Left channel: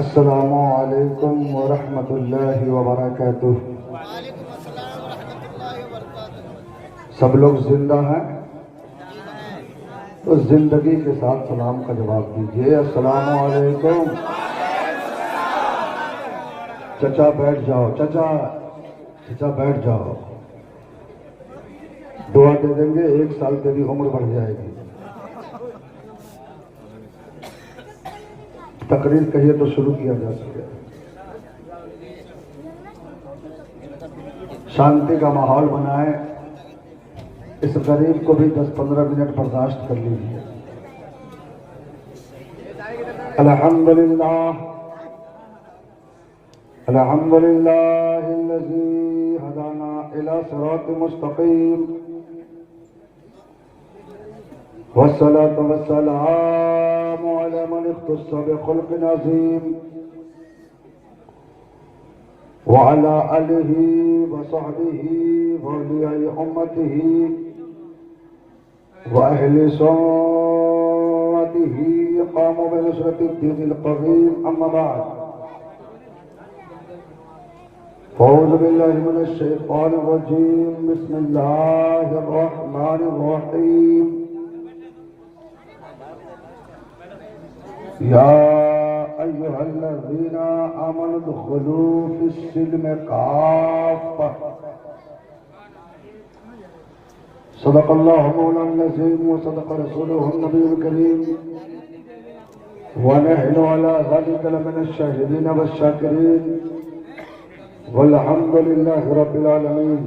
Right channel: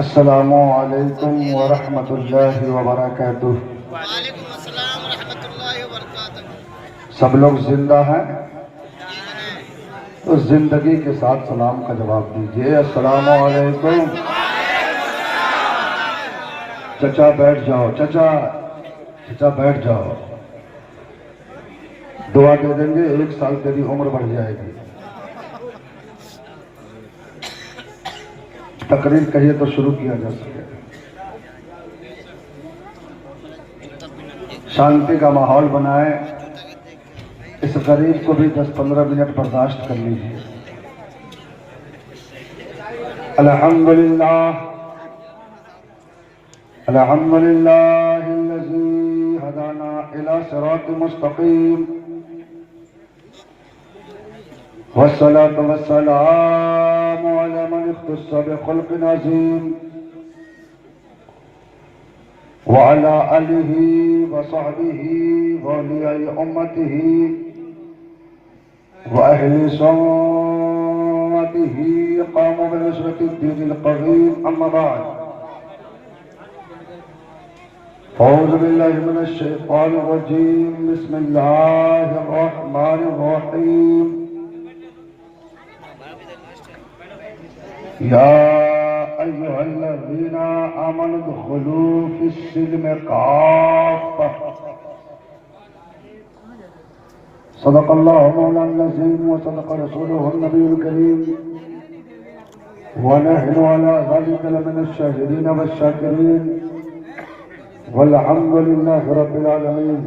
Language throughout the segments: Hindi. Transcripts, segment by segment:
अस्सलामु अलैकुम वरहमतुल्लाहि वबरकातुह। वालेकुम अस्सलाम रहमतुल्लाहि व बरकातहू। सब लोग जिंदा हैं तो जिंदगी के साथ सलाम का जवाब दीजिए। अस्सलामु अलैकुम। चचा बैठ जाओ, चचा चचा बैठ जाओ। दुआ दे देंगे, 1 साल तेरी उम्र बढ़ जाएगी। तकरीर कहिए तो शुरू किया जा सके। शांति का माहौल बनाए। इस गरीब को भी 10-15 मिनट बर्दाश्त कर लीजिए। अल्हम्दुलिल्लाह अल्हम्दुलिल्लाहिल्लज़ी हदाना इला सिरातिल मुस्तक़ीम वस्सलातु वस्सलामु अला मन इख्तस्सा बिखुल्क़िन अज़ीम व अला आलिहि व सहबिहि व औलियाए उम्मतिहि व अहले सुन्नतिहि क़ामू बिनुसरतिद्दीनिल क़वीम। अम्मा बाद। औज़ु बिल्लाहि मिनश शैतानिर रजीम। बिस्मिल्लाहिर रहमानिर रहीम। या अय्युहल्लज़ीना आमनु उदखुलू फिस्सिल्मि काफ़्फ़ा। सदक़ल्लाहु मौलाना अज़ीम व सदक़ रसूलुहुन नबियुल करीम व नहनु अला ज़ालिका लमिनश शाहिदीन वश्शाकिरीन वल्हम्दुलिल्लाहि रब्बिल आलमीन।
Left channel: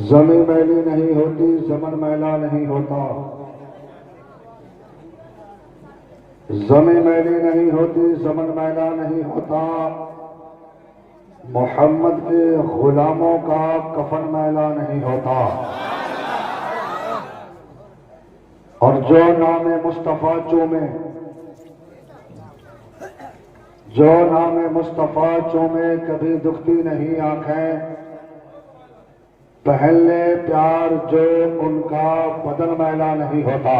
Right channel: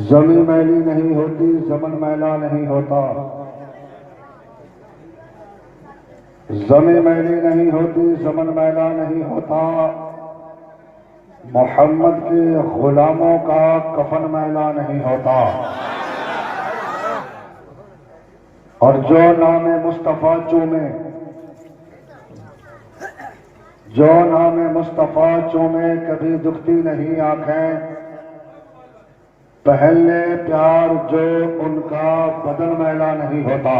ज़मीं मैली नहीं होती, ज़मन मैला नहीं होता। ज़मीं मैली नहीं होती, ज़मन मैला नहीं होता। मोहम्मद के गुलामों का कफन मैला नहीं होता। और जो नाम मुस्तफ़ा चूमे, जो नाम मुस्तफ़ा चूमे, कभी दुखती नहीं आंखें। पहले प्यार जो उनका बदन मैला नहीं होता।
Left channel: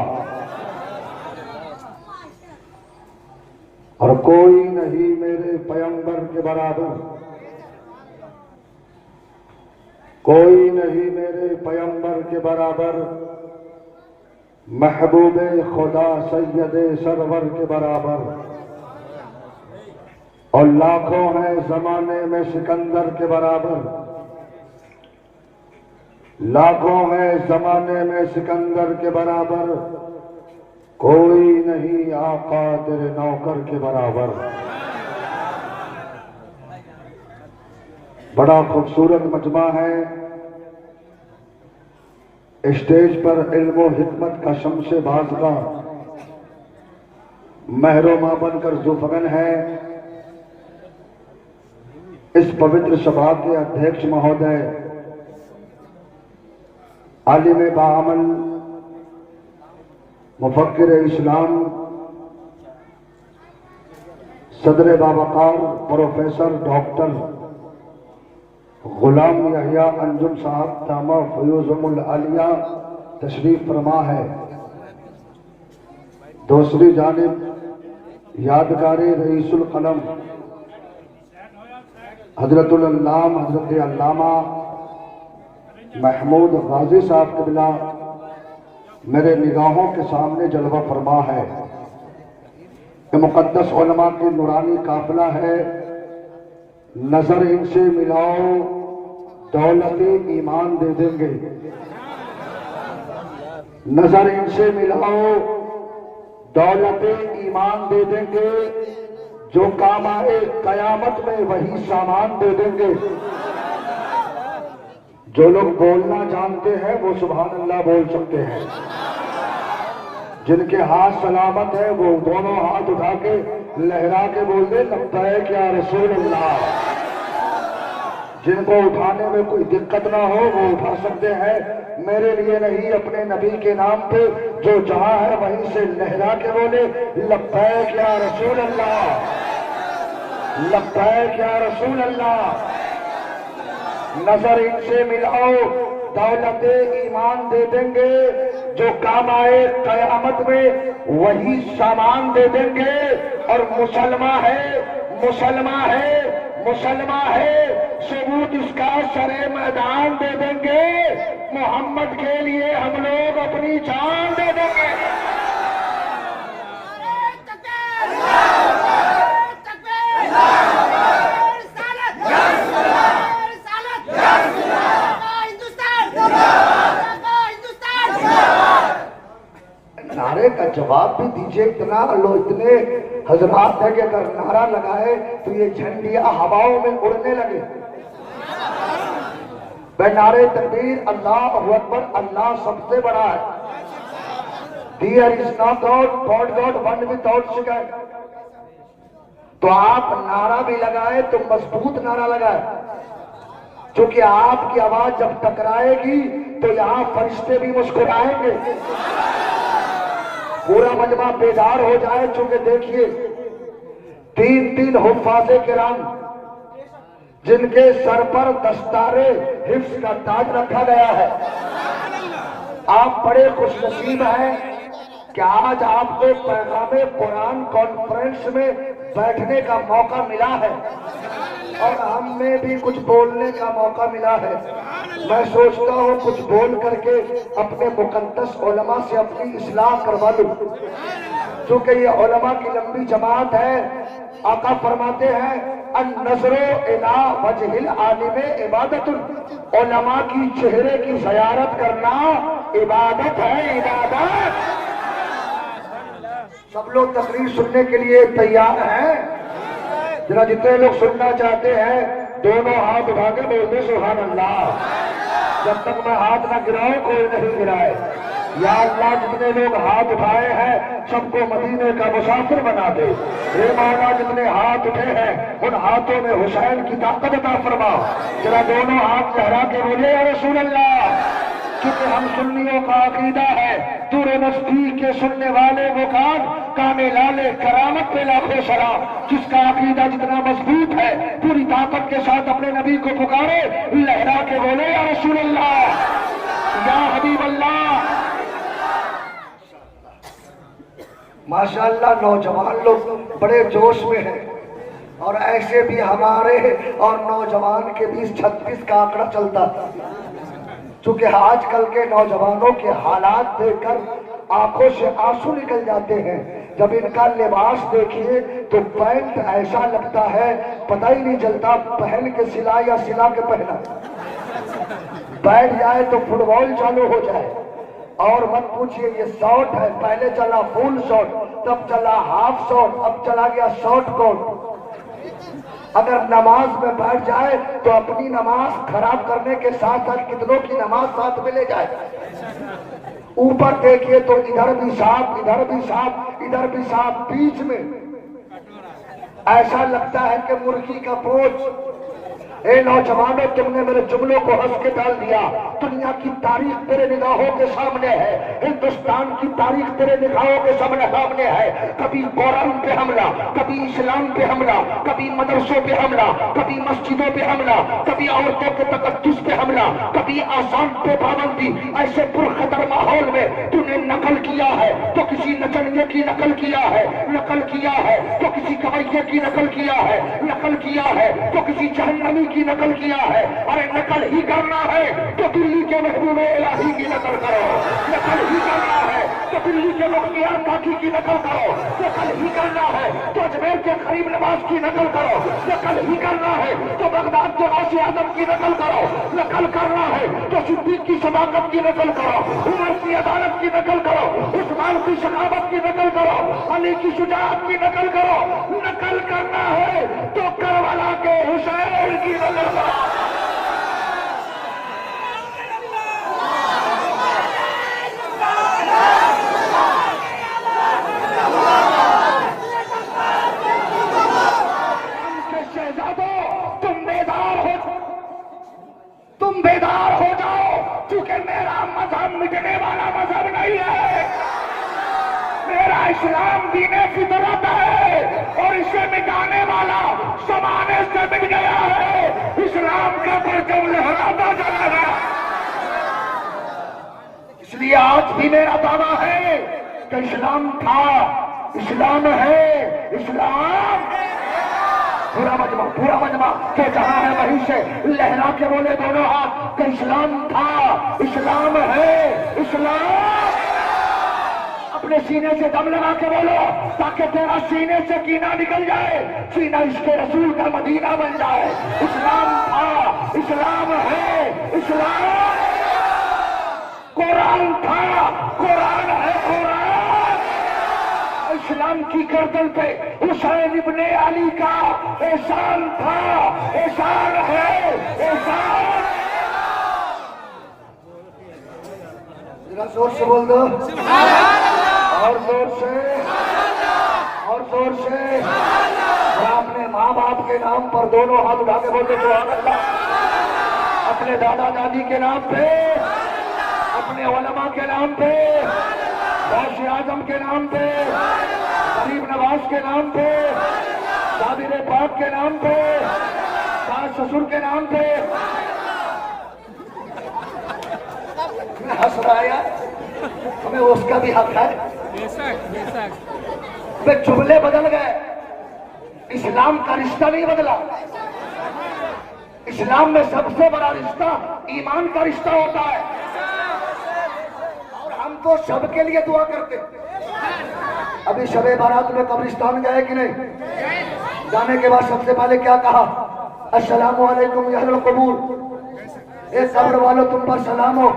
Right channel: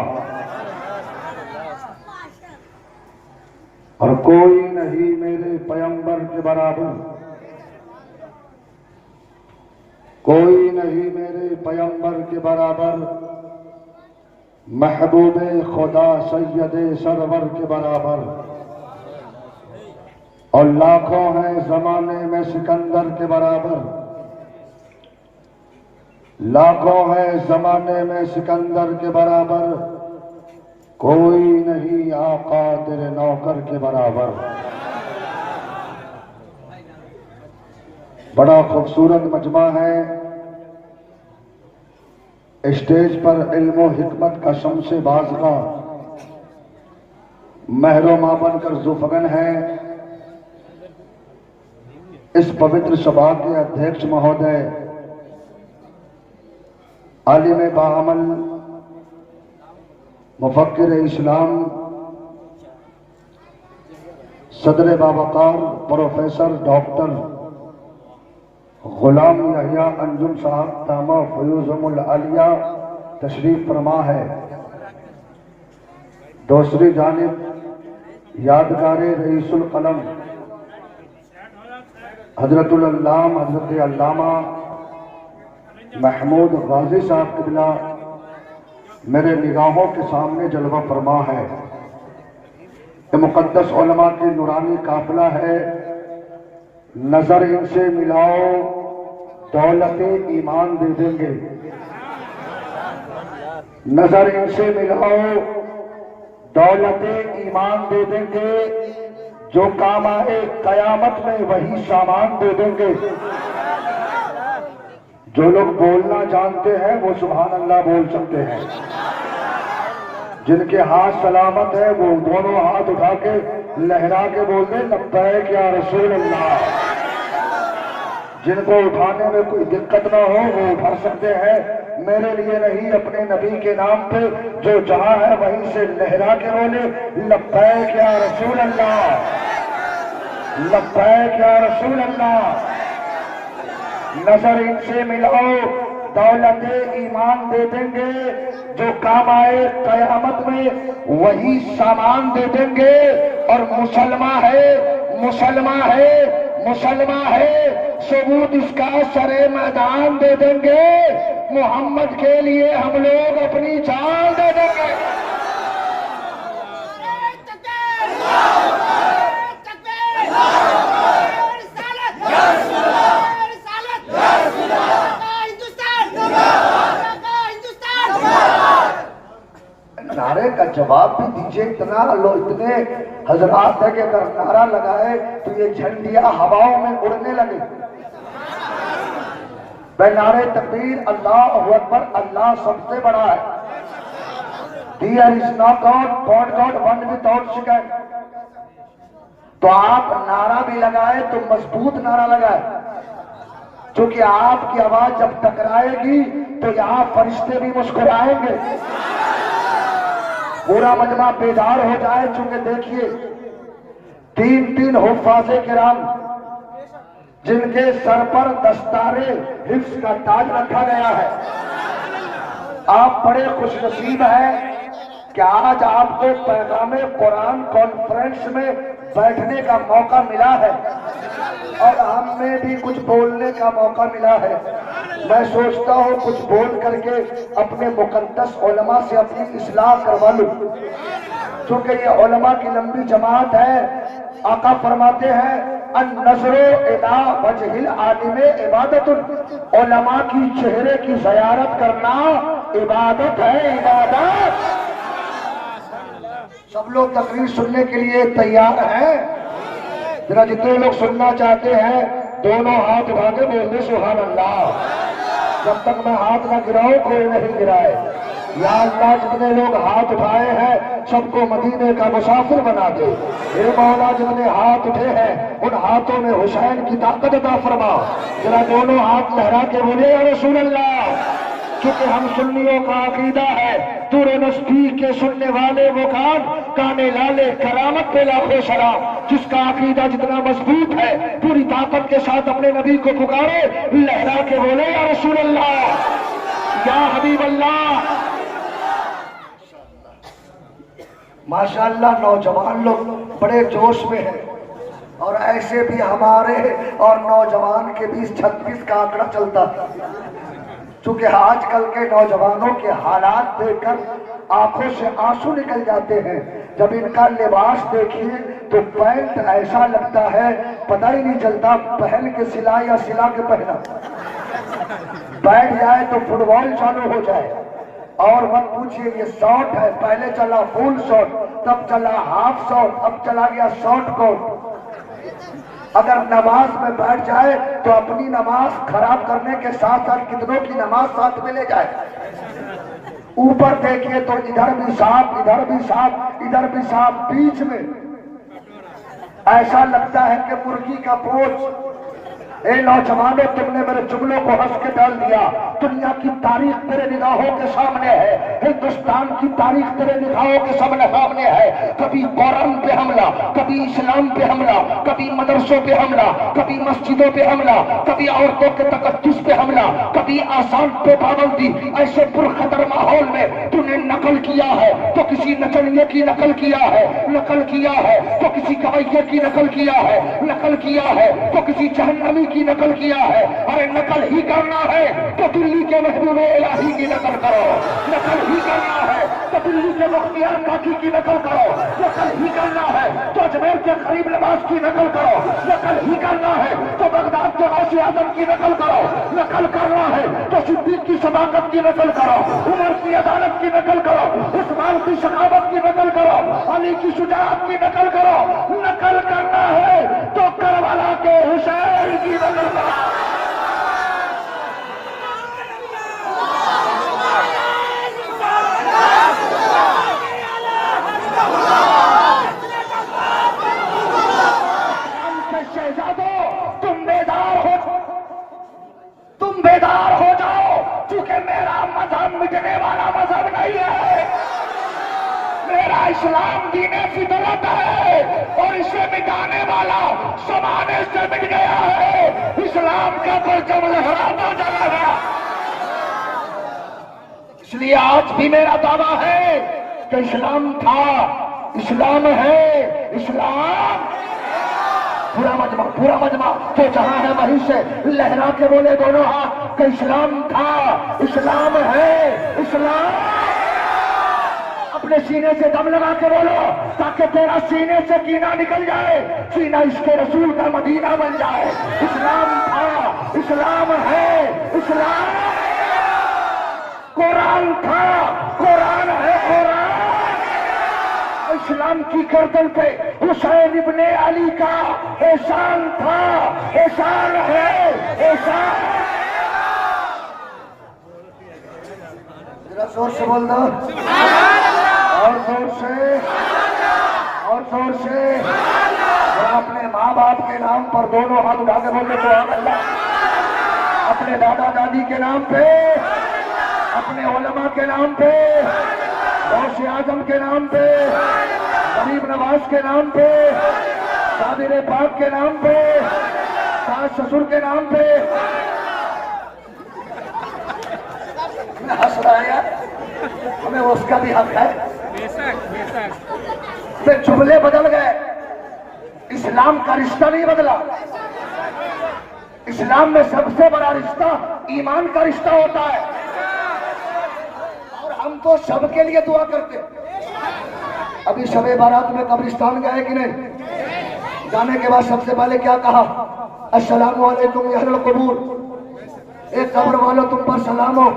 और कोई नहीं मेरे पैगंबर के बराबर, कोई नहीं मेरे पैगंबर के बराबर, महबूबे खुदा सैयदे सरवर के बराबर। और लाखों हैं जमाने में सिकंदर के बराबर, लाखों हैं जमाने में सिकंदर के बराबर। कोई नहीं आका तेरे नौकर के बराबर। बड़ा खूबसूरत मजमा है। स्टेज पर इल्म और हिकमत का शमशे बाज़गा महरोमा बनकर ज़ुफ़गन है। इस पवित्र सभा के अध्यक्ष महोदय, आलिम बाअमल, मुफक्किर इस्लाम, सदर बावकार प्रोफेसर डॉक्टर गुलाम यहिया अंजुम साहब तामा फयूज़ुल आलिया तशरीफ फरमा है। दूसरी जानिब यादगारे रईसुल कलम हजरतुल अल्लाम हजरत अल्लामा महमूद गाजी साहब क़िबला मेरे निगाहों के सामने जलवा फरमा है। ये मुक़द्दस उलमा की नूरानी काफिला है। नजर इनसे मिलाओ, दौलत ईमान दे देंगे। नजर इनसे मिलाओ, दौलत ईमान दे देंगे। जो काम आए कयामत में वही सामान दे देंगे। जो लोग बोलना जानते हैं वो सुभान अल्लाह बोल सकते हैं। जिनके हाथ सलामत है वो दोनों हाथ उठा के लहरा के बोल दे लब्बैक या रसूल अल्लाह। जिनको उठाने में कोई दिक्कत ना हो वो उठा सकते हैं। मेरे लिए नहीं, अपने नबी के नाम पे जो जहां है वहीं से लहरा के बोले लब्बैक या रसूल अल्लाह, लब्बैक या रसूल अल्लाह। नजर इनसे मिलाओ, दौलत ईमान दे देंगे। जो काम आए कयामत में वही सामान दे देंगे। और मुसलमान है, मुसलमान है, मुसलमान है, सबूत इसका सरे मैदान दे देंगे। मोहम्मद के लिए हम लोग अपनी जान दे देंगे। नारे का जवाब भी दीजिए। इतना लो, इतने हजरात है कि अगर नारा लगाए तो ये झंडियां हवाओं में उड़ने लगे। वह नारे तकबीर, अल्लाह अकबर, अल्लाह सबसे बड़ा है। There is no God, but God one without शिकायत। तो आप नारा भी लगाए तो मजबूत नारा लगाए, क्योंकि आपकी आवाज जब टकराएगी तो यहाँ फरिश्ते भी मुस्कुराएंगे, पूरा मजमा बेदार हो जाए। चूंकि देखिए 3 हुफ्फाज़े किराम जिनके सर पर दस्तारे हिफ्ज़ का ताज रखा गया है, आप बड़े खुशनसीब हैं कि आज आपको पैगामे कुरान कॉन्फ्रेंस में बैठने का मौका मिला है और हमें भी कुछ बोलने का मौका मिला है। मैं सोचता हूँ कुछ बोल करके अपने मुकद्दस उलमा से अपनी इस्लाह करवा लूं, क्योंकि ये उलमा की लंबी जमात है। आका फरमाते हैं अन-नज़रो इला वजहिल आलिम इबादतुन, उलमा की चेहरे की ज़ियारत करना इबादत है, इबादत। सब लोग तकरीर सुनने के लिए तैयार हैं? जरा जितने लोग सुनना चाहते हैं दोनों हाथ उठा के बोलते सुभान अल्लाह। जब तक मैं हाथ ना गिराऊं कोई नहीं गिराए। या अल्लाह जितने लोग हाथ उठाए हैं सबको मदीने का मुसाफिर बना दे। हे मौला जितने हाथ उठे हैं उन हाथों में हुसैन की ताकत अता फरमा। जरा दोनों हाथ लहरा के बोले या रसूल अल्लाह। क्योंकि हम सुन्नियों का अकीदा है दूर नस्बीर के सुनने वाले वो काने लाले करामत पे लाखों सलाम। जिसका अकीदा जितना मजबूत है पूरी ताकत के साथ अपने नबी को पुकारे, लहरा के बोले या रसूल अल्लाह, या हबीब अल्लाह। माशाअल्लाह नौजवान लोग बड़े जोश में हैं और ऐसे भी हमारे और नौजवान के बीच 36 का आंकड़ा चलता है। चूंकि आजकल के नौजवानों के हालात देखकर आंखों से आंसू निकल जाते हैं। जब इनका लिबास देखिए तो पैंट ऐसा लगता है पता ही नहीं चलता पहन के सिला या सिला के पहना। बैठ जाए तो फुटबॉल चालू हो जाए। और मत पूछिए, ये शॉर्ट है, पहले चला फुल शॉर्ट, तब चला हाफ शॉर्ट, अब चला गया शॉर्ट कोट। अगर नमाज में बैठ जाए तो अपनी नमाज खराब करने के साथ साथ कितनों की नमाज साथ में ले जाए। ऊपर देखिए तो इधर भी सांप, इधर भी सांप, इधर भी सांप, बीच में ऐसा लगता है कि मुर्गी का पोंछ। ए नौजवानों, तुमने मेरे जुमलों को हंस के डाल दिया। दुनिया की तारीख तेरे निगाहों के सामने है, हिंदुस्तान की तारीख तेरे निगाहों के सामने है। कभी कुरान पे हमला, कभी इस्लाम पे हमला, कभी मदरसों पे हमला, कभी मस्जिदों पे हमला, कभी औरतों के तकद्दुस पे हमला, कभी आसान पे पाबंदी। ऐसे पुरखतर माहौल में तूने नकल किया है तो किसी नचनिए की नकल किया है, नकल किया है तो किसी गवैये की नकल किया है, नकल किया है तो किसी जहन्नमी की नकल किया है। अरे नकल ही करना है तो दिल्ली के महबूबे इलाही की नकल करो, नकल ही करना है तो दिल्ली के मुख्तियार काकी की नकल करो, नकल ही करना है तो अजमेर के गरीब नवाज की नकल करो, नकल ही करना है तो बगदाद के गौसे आजम की नकल करो, नकल करना है तो सिद्दीक की सदाकत की नकल करो, उमर की अदालत की नकल करो, उस्मान की सखावत की नकल करो, अली की शुजाअत की नकल करो। नकल करना है तो करबला के हुसैन की नकल करो। तुम बेदार हो जाओ, क्योंकि मेरा मजहब मिटने वाला मजहब नहीं है। मेरा इस्लाम दीने फितरत है और इसे मिटाने वाला जमाने से मिट गया है। इस्लाम का परचम लहराता चला गया। इसलिए आज भी मेरा दावा है कि इस्लाम था, इस्लाम है, इस्लाम। पूरा मजमा तो जहां है वहीं से लहरा के बोले दोनों हाथ कि इस्लाम था, इस्लाम है, इस्लाम। अपने सीने से दम लगा के बोलो ताकि तेरा सीने से कीना निकल जाए, सीना इसके रसूल का मदीना बन जाए। इस्लाम था, इस्लाम है, इस्लाम। कुरान था, कुरान है, कुरान। इस्लाम की गर्दन पे हुसैन इब्ने अली का एहसान था, एहसान है, एहसान। जरा जोर से बोल दो, और जोर से, और जोर से। और अपने माँ बाप के नाम पर दोनों हाथ उठा के बोलते सुभान अल्लाह। अपने दादा दादी के नाम पे, अपने उलमा के नाम पे, गौसे आजम के नाम पे, गरीब नवाज के नाम पे, साबिर पाक के नाम पे, सास ससुर के नाम पे। मैं हंस रहा है यार, हमें उसका भी हक है। वे जुमले बदल गए, इस्लाम का रिश्ता नहीं बदला। इस्लाम में सबसे बड़ा रिश्ता ईमान का रिश्ता होता है। और हम तो सबके लिए दुआ करते। अभी शबे बारात में कब्रिस्तान गए कि नहीं? जाने के बाद सबसे पहले क्या कहा? अस्सलामु अलैकुम या अहल कबूर, ए कब्र वालों तुम पर सलाम हो।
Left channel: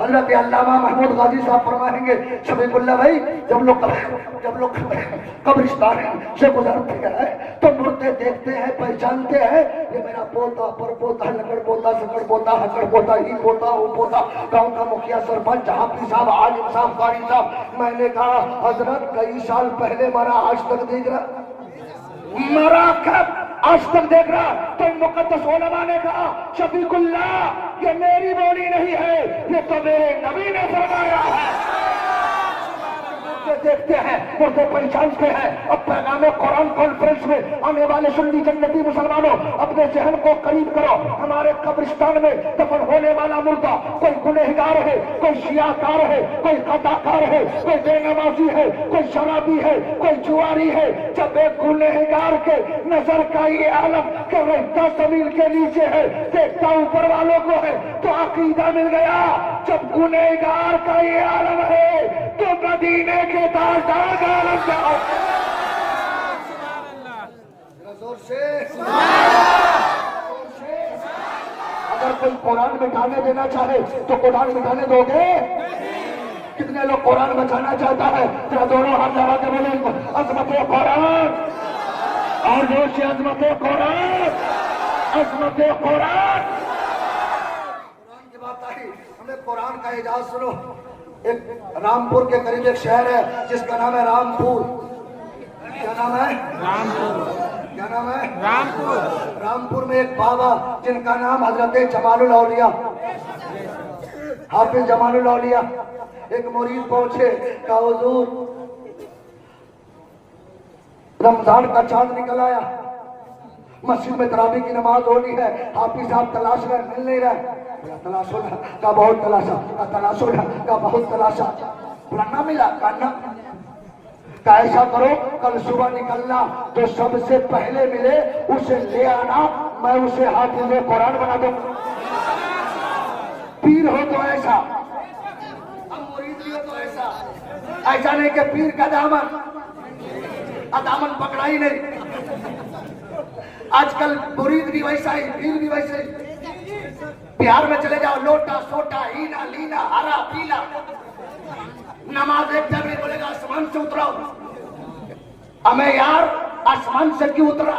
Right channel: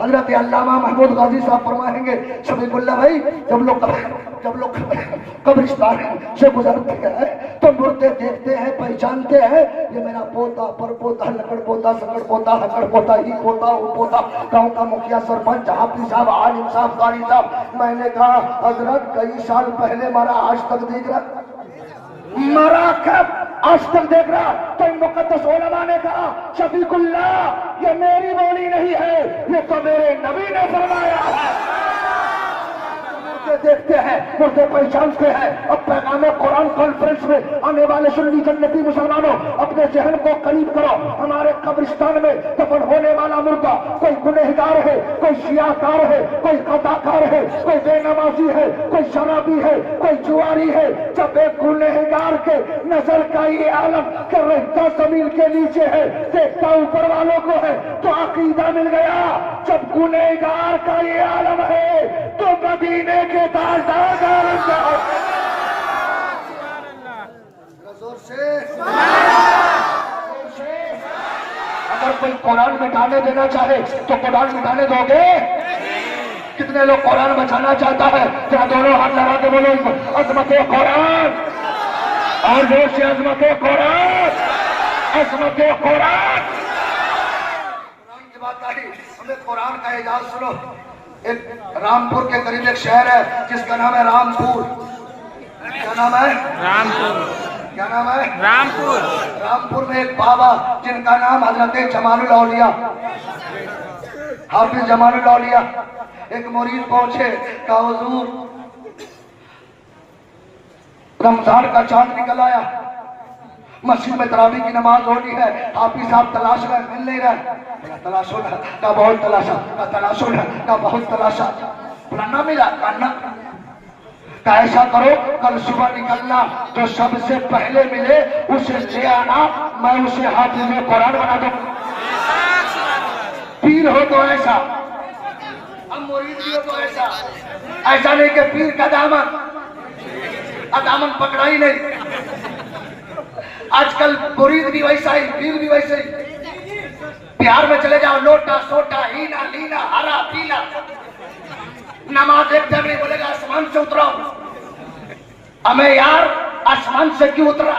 हजरत अल्लामा महमूद गाजी साहब फरमाएंगे शफीकुल्लाह भाई, जब लोग कब्रिस्तान से गुजरते हैं तो मुर्दे देखते हैं, पहचानते हैं ये मेरा पोता, पर पोता, लकड़ पोता, सकड़ पोता, हकड़ पोता, ही पोता, वो पोता, गांव का मुखिया, सरपंच, हाफिज साहब, आलिम साहब, कारी साहब। मैंने कहा हजरत कई साल पहले मरा, आज तक देख रहा, मरा कब आज तक देख रहा। तो मुकद्दस उलमा ने कहा शफीकुल्लाह ये मेरी बोली नहीं है, ये तो मेरे नबी ने फरमाया है। देखते हैं, मुर्दे पहचानते हैं। अब पैगाम कुरान कॉन्फ्रेंस में आने वाले सुन्नी जन्नती मुसलमानों, अपने जहन को करीब करो। हमारे कब्रिस्तान में दफन होने वाला मुर्दा कोई गुनहगार है, कोई शियाकार है, कोई कदाकार है, कोई बेनमाजी है, कोई शराबी है, कोई जुआरी है। जब एक गुनहगार के नजर का ये आलम कि रहता जमीन के नीचे है, देखता ऊपर वालों को है, तो अकीदा मिल गया। जब गुनहगार का ये आलम है तो मदीने के ताजदार का आलम क्या है? जोर से। अगर कोई कुरान मिटाने देना चाहे तो कुरान मिटाने दोगे? कितने लोग कुरान बचाना चाहता है? क्या दोनों हाथ लगा के बोलो अजमत कुरान, और जोर से अजमत कुरान, अजमत कुरान। कुरान की बात आई, हमने कुरान का एजाज सुनो। एक रामपुर के करीब एक शहर है जिसका नाम है रामपुर। क्या नाम है? रामपुर। क्या नाम है? रामपुर। रामपुर में एक बाबा जिनका नाम हजरत जमालुल औलिया, हाफिज जमालुल औलिया। एक मुरीद पहुंचे, कहा हुजूर रमजान का चांद निकल आया, मस्जिद में तरावी की नमाज होनी है, हाफिज साहब तलाश कर मिल नहीं रहा। तलाशो ना का बहुत तलाशा, का तलाशो ना का बहुत तलाशा, ना मिला। का ऐसा करो कल सुबह निकलना, जो सबसे पहले मिले उसे ले आना, मैं उसे हाफिज कुरान बना दूं। पीर हो तो ऐसा, अब मुरीद भी हो तो ऐसा। ऐसा नहीं कि पीर का दामन पकड़ा ही नहीं। आजकल मुरीद भी वैसा ही, पीर भी वैसे ही। बिहार में चले जाओ, लोटा सोटा, हीना लीना, हरा पीला, नमाज एक जगह बोलेगा आसमान से उतरा। हमें यार आसमान से क्यों उतरा?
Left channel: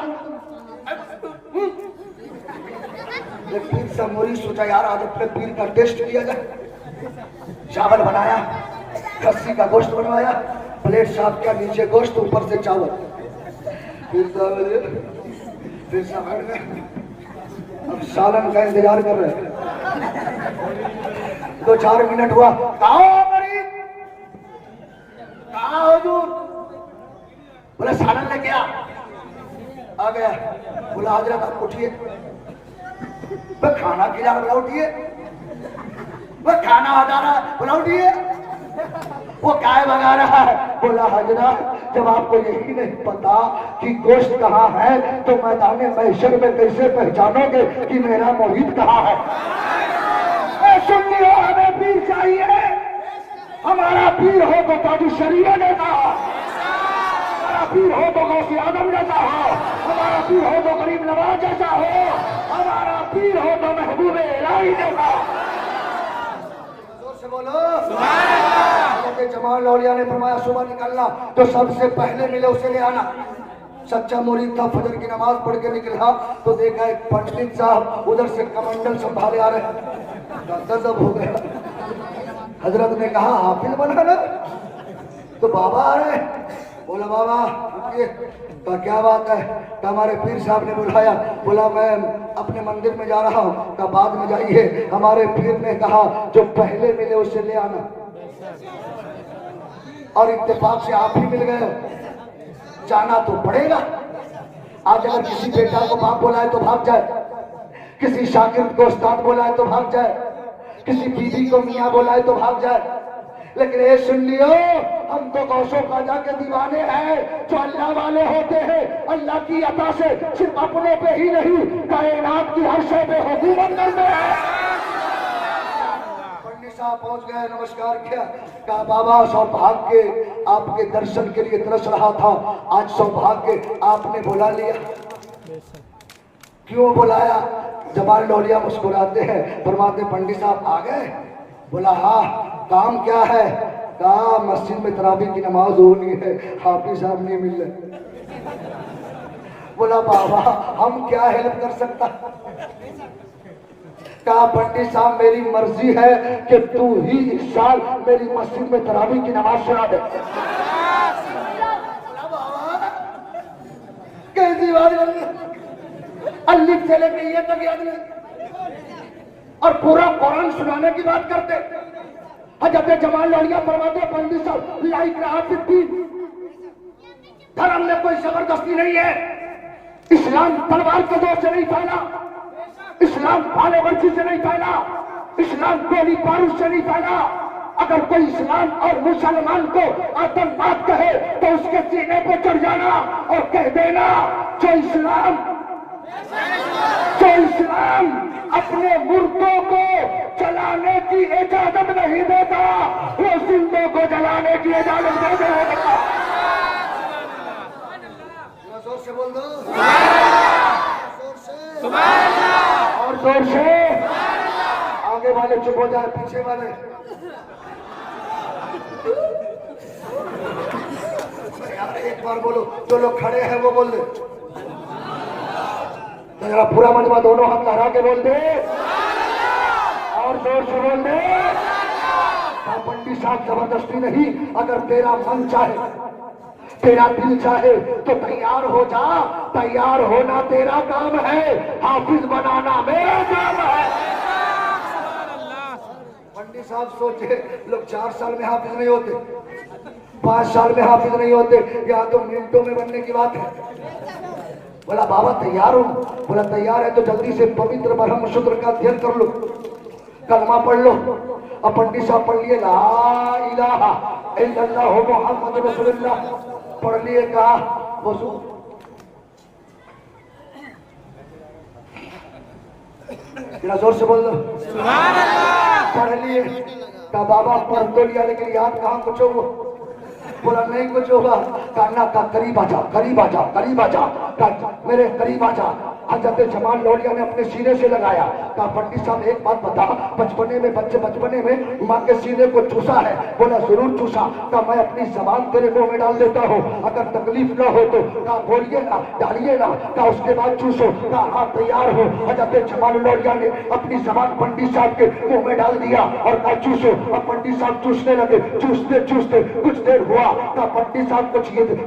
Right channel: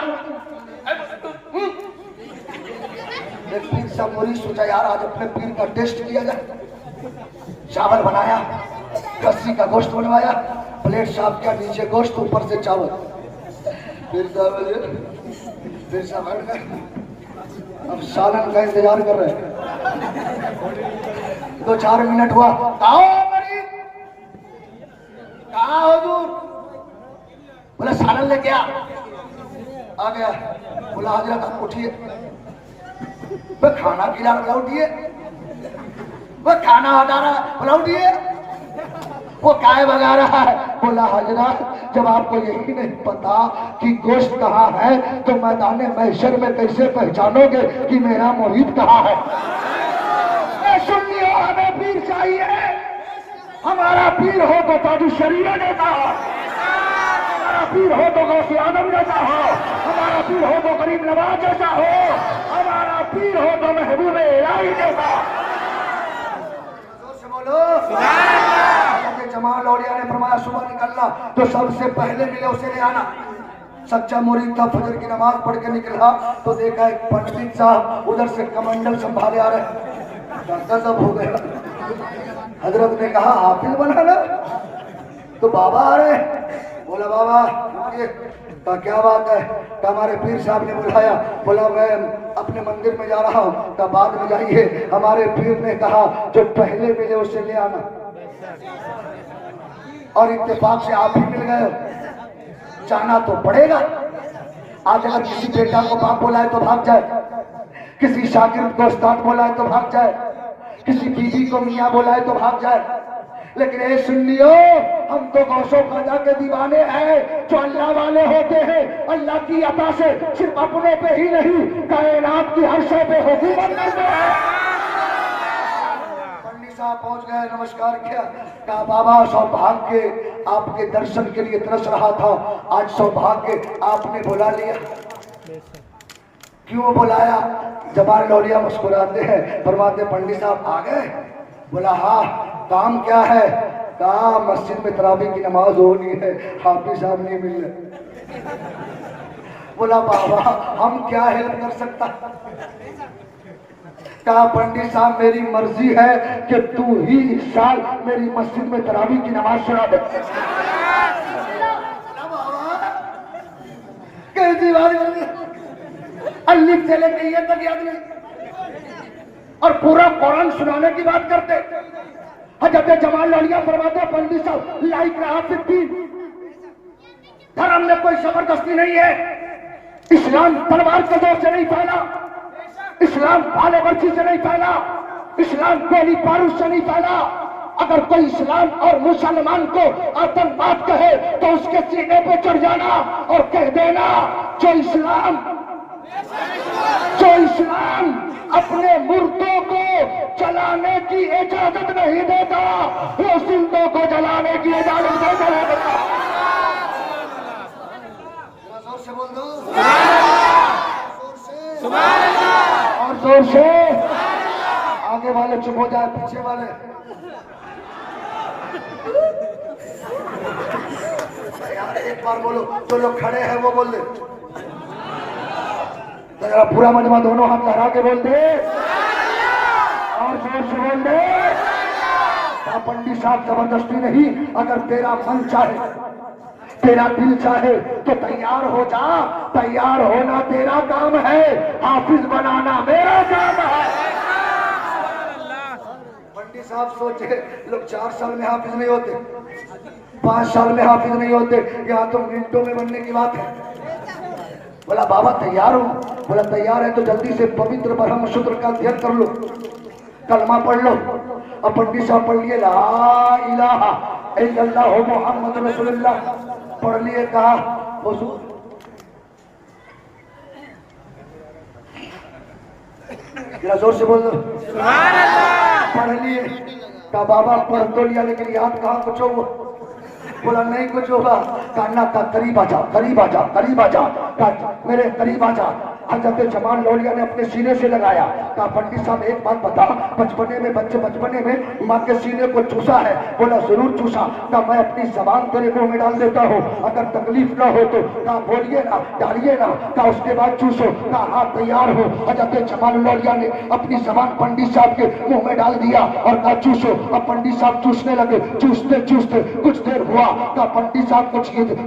पीर सा मुरीद सोचा यार आज अपने पीर का टेस्ट किया जाए। चावल बनाया, खस्सी का गोश्त बनवाया, प्लेट साफ किया, नीचे गोश्त ऊपर से चावल। पीर साहब अब सालन का इंतजार कर रहे हैं। 2-4 मिनट हुआ, कहा हुजूर? बोला सालन लेके आ गया। बोला हजरत आप उठिए, खाना खिला रहा, उठिए। वो खाना बता रहा है, बोला उठिए। वो काय भगा रहा है, बोला हजरत जब आपको यही नहीं पता कि गोश्त कहाँ है तो मैदान महशर में कैसे पहचानोगे कि मेरा मोहित कहाँ है। सुनिए, हमें पीर चाहिए। हमारा पीर हो तो ताजु शरीय जैसा हो, हमारा पीर हो तो गौसे आदम जैसा हो, हमारा पीर हो तो गरीब नवाज जैसा हो, हमारा पीर हो तो महबूब इलाही जैसा। जोर से बोलो सुभान अल्लाह। जमाल लौलिया ने फरमाया सुबह निकलना तो सबसे पहले मिले उसे ले आना। सच्चा मुरीद था, फजर की नमाज पढ़ के निकला तो देखा एक पंडित साहब उधर से कमंडल संभाले आ रहे। गजब हो गया। हजरत ने कहा हाफिज बनाना, तो बाबा आ रहे। बोला बाबा का क्या बात है? तो हमारे पीर साहब ने बुलाया। बोला मैं अपने मंदिर में जा रहा हूँ। का बाद में जाइए, हमारे पीर ने कहा जो पहले मिले उसे ले आना। और इत्तेफाक से आप ही मिल गए हो, जाना तो पड़ेगा। आज अगर किसी बेटा को बाप बोलाए तो भाग जाए, किसी शागिर्द को उस्ताद बोलाए तो भाग जाए, किसी बीवी को मियाँ बोलाए तो भाग जाए। लेकिन ये सुन लियो, हम तो गौसों खाजा के दीवाने हैं जो अल्लाह वाले होते हैं। अल्लाह की अता से सिर्फ अपने पे ही नहीं, कायनात की हर शय पे हुकूमत करते हैं। पंडित साहब पहुंच गए, नमस्कार किया। कहा बाबा सौभाग्य आपके दर्शन के लिए तरस रहा था, आज सौभाग्य आपने बुला लिया। क्यों बुलाया? जमाल लौलिया मुस्कुराते हैं, फरमाते पंडित साहब आ गए? बोला हाँ, काम क्या है? कहा मस्जिद में तरावी की नमाज होनी है, हाफिज साहब नहीं मिल रहे। बोला बाबा हम क्या हेल्प कर सकता? कहा पंडित साहब मेरी मर्जी है कि तू ही इस साल मेरी मस्जिद में तरावी की नमाज सुना दे। कैसी बात अल्लीफ से लेके ये तक याद नहीं, और पूरा कुरान सुनाने की बात करते। हजरत जमाल लौलिया फरमाते पंडित साहब लाइक रहा धर्म में कोई जबरदस्ती नहीं है। इस्लाम तलवार के जोर से नहीं फैला, इस्लाम भाले वर्जी से नहीं फैला, इस्लाम गोली बारूद से नहीं फैला। अगर कोई इस्लाम और मुसलमान को आतंकवाद कहे तो उसके सीने पे चढ़ जाना और कह देना जो इस्लाम अपने मुर्दों को जलाने की इजाजत नहीं देता, वो जिंदों को जलाने की इजाजत दे देगा। जोर से बोल दो और जोर से। आगे वाले चुप हो जाए, पीछे वाले यार एक बार बोलो, जो लोग खड़े हैं वो बोल दे। जरा पूरा मजमा दोनों हाथ लहरा के बोल दे और जोर से बोल दे। पंडित साहब जबरदस्ती नहीं, अगर तेरा मन चाहे, तेरा दिल चाहे तो तैयार हो जा। तैयार होना तेरा काम है, हाफिज बनाना मेरा काम है। पंडित साहब सोचे लोग 4 साल में हाफिज नहीं होते, 5 साल में हाफिज नहीं होते, यहाँ तो मिनटों में बनने की बात है। बोला बाबा तैयार हो? बोला तैयार है तो जल्दी से पवित्र ब्रह्म सूत्र का अध्ययन कर लो, कलमा पढ़ लो। अब पंडित साहब पढ़ लिए ला इलाहा इल्लल्लाह मुहम्मद रसूलुल्लाह पढ़ लिए। कहा वजू जोर से बोल दो सुभान अल्लाह। पढ़ लिए। कहा बाबा पढ़ तो लिया लेकिन याद कहाँ कुछ हो? बोला नहीं कुछ होगा। कान्ना का करीब आजा, करीब आजा, करीब आजा, मेरे करीब आजा। हजरत जमाल लौलिया ने अपने सीने से लगाया। कहा पंडित साहब एक बात बता, बचपने में बच्चे बचपने में माँ के सीने को चूसा है? बोला जरूर चूसा। कहा मैं अपनी जबान तेरे मुंह में डाल देता हूँ, अगर तकलीफ न हो तो। कहा बोलिए ना, डालिए ना। कहा उसके बाद चूसो। कहा हाँ तैयार हो। हजरत जमाल लौलिया ने अपनी जबान पंडित साहब के मुंह में डाल दिया और कहा चूसो। अब पंडित साहब चूसने लगे। चूसते चूसते कुछ देर हुआ। कहा पंडित साहब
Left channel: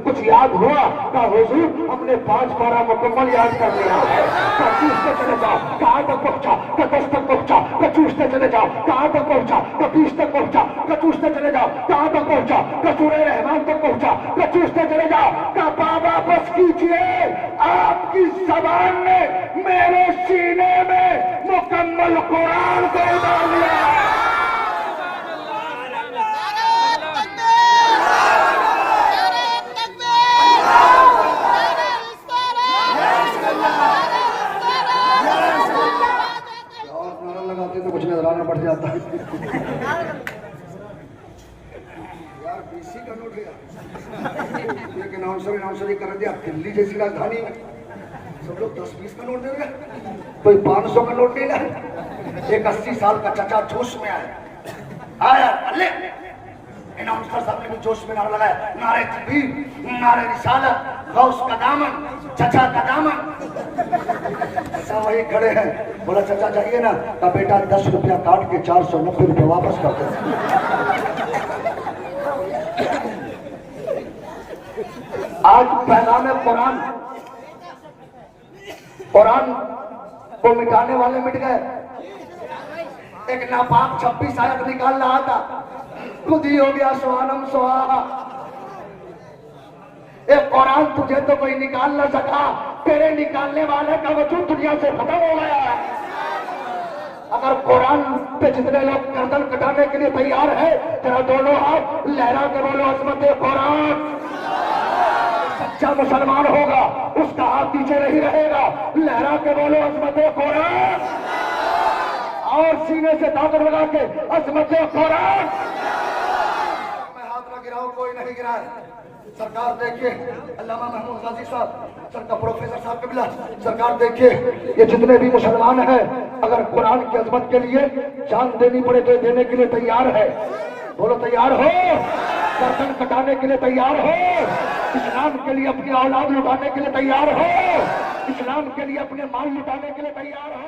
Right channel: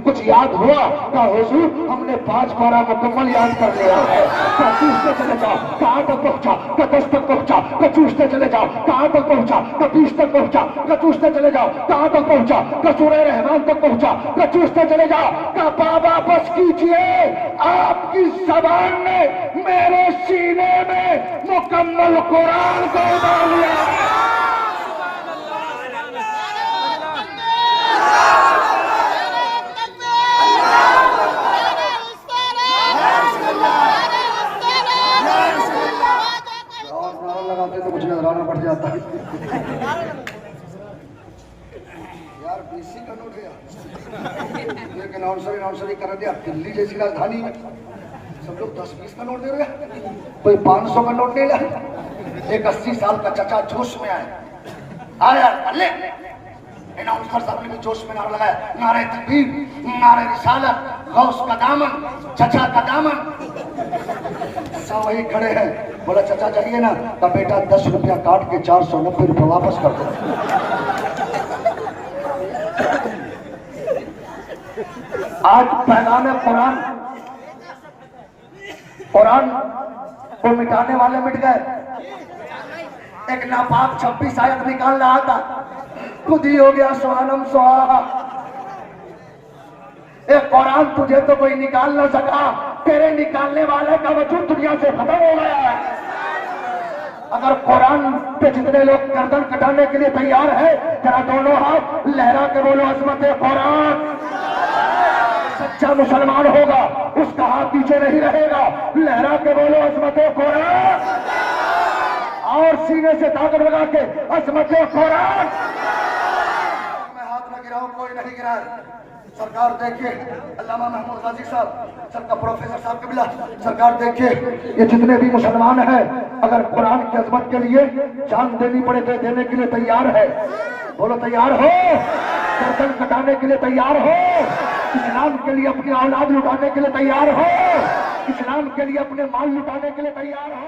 कुछ याद हुआ? कहा हुजूर हमने 5 पारा मुकम्मल याद कर लिया। चूसते चले जाओ। कहाँ तक पहुंचा? 10 तक पहुंचा। चूसते चले जाओ। कहाँ तक पहुंचा? 20 तक पहुंचा। चूसते चले जाओ। कहाँ तक पहुंचा? सूरे रहमान तक पहुंचा। चूसते चले जाओ। कहा बाबा बस कीजिए, आपकी जबान ने मेरे सीने में मुकम्मल कुरान को उतार लिया। एक अनाउंसर कर दिया दिल्ली जैसी राजधानी में सब लोग 10-20 का नोट दे रहे, कोई 500 का नोट दे रहा। एक 80 साल का चचा जोश में आया अल्ले अनाउंसर साहब ने भी जोश में नारा लगाया, नारे तकबीर, नारे रिसालत, गौस का दामन, चचा का दामन। चचा वही खड़े हैं, बोला चचा जाइए ना, तो बेटा 10 रुपया काट के 490 रुपया वापस कर दो। आज पैगाम कुरान को मिटाने वाले मिट गए। एक नापाक 26 आयत निकाल रहा था, खुद ही हो गया स्वानम स्वाहा। एक कुरान तुझे तो कोई निकाल ना सका, तेरे निकालने वाले का वजूद दुनिया से खत्म हो गया है। अगर कुरान पे जितने लोग गर्दन कटाने के लिए तैयार है, तेरा दोनों हाथ लहरा के बोलो अजमत कुरान। सच्चा मुसलमान होगा, उसका हाथ पीछे नहीं रहेगा, लहरा के बोलो अजमत कुरान, और सीने से ताकत लगा के अजमत कुरान। मैं हाथ में गिराऊं, कोई नहीं गिरा। सरकार देखिए, अल्लामा महमूद गाजी साहब, सरकार प्रोफेसर साहब के बिला, सरकार देखिए ये जितने भी मुसलमान हैं, अगर कुरान की अजमत के लिए जान देनी पड़े तो देने के लिए तैयार है। बोलो तैयार हो? गर्दन कटाने के लिए तैयार हो? इस्लाम के लिए अपनी औलाद लुटाने के लिए तैयार हो? इस्लाम के लिए अपने माल लुटाने के लिए तैयार हो?